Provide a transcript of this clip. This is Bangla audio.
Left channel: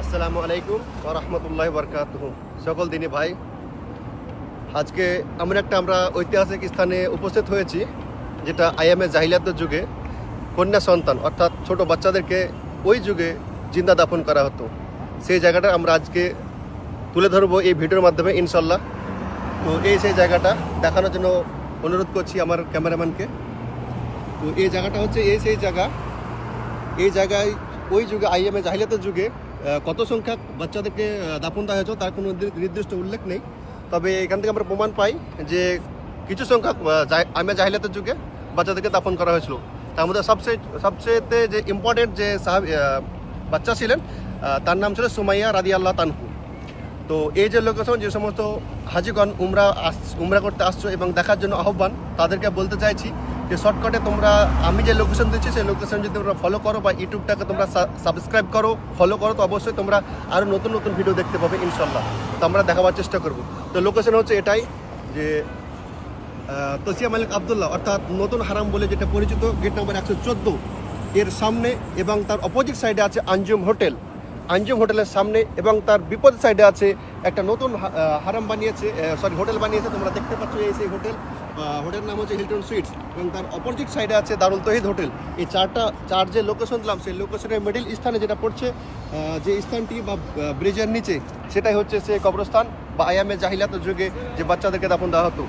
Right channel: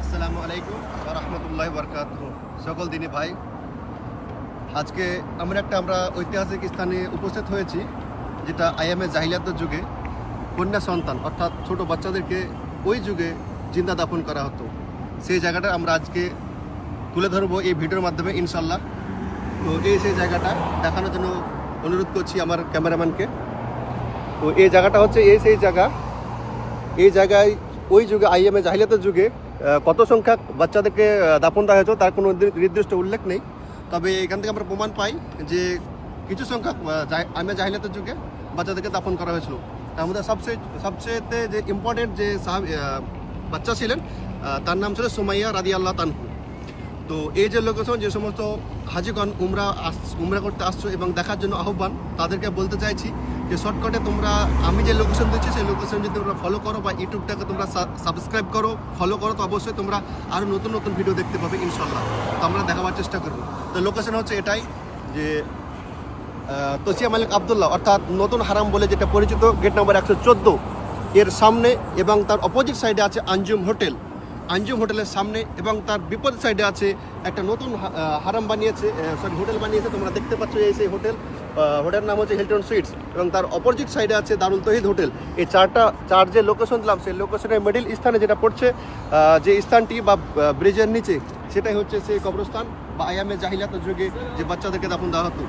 আসসালামু আলাইকুম ওয়া রাহমাতুল্লাহি ওয়া বারাকাতুহু। সকল দিনী ভাই, আজকে আমরা ঐতিহাসিক স্থানে উপস্থিত হয়েছি, যেটা আইএমএ জাহিলিয়াতের যুগে কন্যা সন্তান অর্থাৎ ছোট বাচ্চাদেরকে ওই যুগে জিন্দা দাফন করা হতো। সেই জায়গাটা আমরা আজকে তুলে ধরবো এই ভিডিওর মাধ্যমে ইনশাল্লাহ। তো সেই জায়গাটা দেখানোর জন্য অনুরোধ করছি আমার ক্যামেরাম্যানকে। তো এই জায়গাটা হচ্ছে সেই জায়গা। এই জায়গায় ওই যুগে আইএমএ জাহিলিয়াতের যুগে কত সংখ্যক বাচ্চাদেরকে দাফন দেওয়া হয়েছে তার কোনো নির্দিষ্ট উল্লেখ নেই। তবে এখান থেকে আমরা প্রমাণ পাই যে কিছু সংখ্যক আইএমএ জাহিলিয়াতের যুগে বাচ্চাদেরকে দাফন করা হয়েছিল। তার মধ্যে সবচেয়ে যে ইম্পর্টেন্ট যে বাচ্চা ছিলেন তার নাম ছিল সুমাইয়া রাদিয়াল্লাহু তানহু। তো এই যে লোকেশন, যে সমস্ত হাজিগণ উমরা করতে আসছো এবং দেখার জন্য আহ্বান, তাদেরকে বলতে চাইছি যে শর্টকাটে আমি যে লোকেশন দিচ্ছি সেই লোকেশন যদি তোমরা ফলো করো বা ইউটিউবটাকে তোমরা সাবস্ক্রাইব করো, ফলো করো, তো অবশ্যই তোমরা আরও নতুন নতুন ভিডিও দেখতে পাবে ইনশাল্লাহ। তো আমরা দেখাবার চেষ্টা করব। তো লোকেশন হচ্ছে এটাই যে তসিয়া মালিক আবদুল্লাহ অর্থাৎ নতুন হারাম বলে যেটা পরিচিত, গেট নম্বর 114 এর সামনে, এবং তার অপোজিট সাইডে আছে আঞ্জুম হোটেলের সামনে, এবং তার বিপরীত সাইডে আছে একটা নতুন হারাম বানিয়েছে, হোটেল বানিয়েছে। তোমরা দেখতে পাচ্ছ সেই হোটেলের নাম হচ্ছে হিলটন সুইটস, এবং তার অপোজিট সাইডে আছে দারুল তৌহিদ হোটেল। এই চার যে লোকেশন দিলাম, সেই লোকেশনের মিডিল স্থানে যেটা পড়ছে, যে স্থানটি বা ব্রিজের নিচে, সেটাই হচ্ছে সেই কবরস্থান বা আইএমএ জাহিলিয়াতের যুগে যে বাচ্চাদেরকে দাফন করা হতো।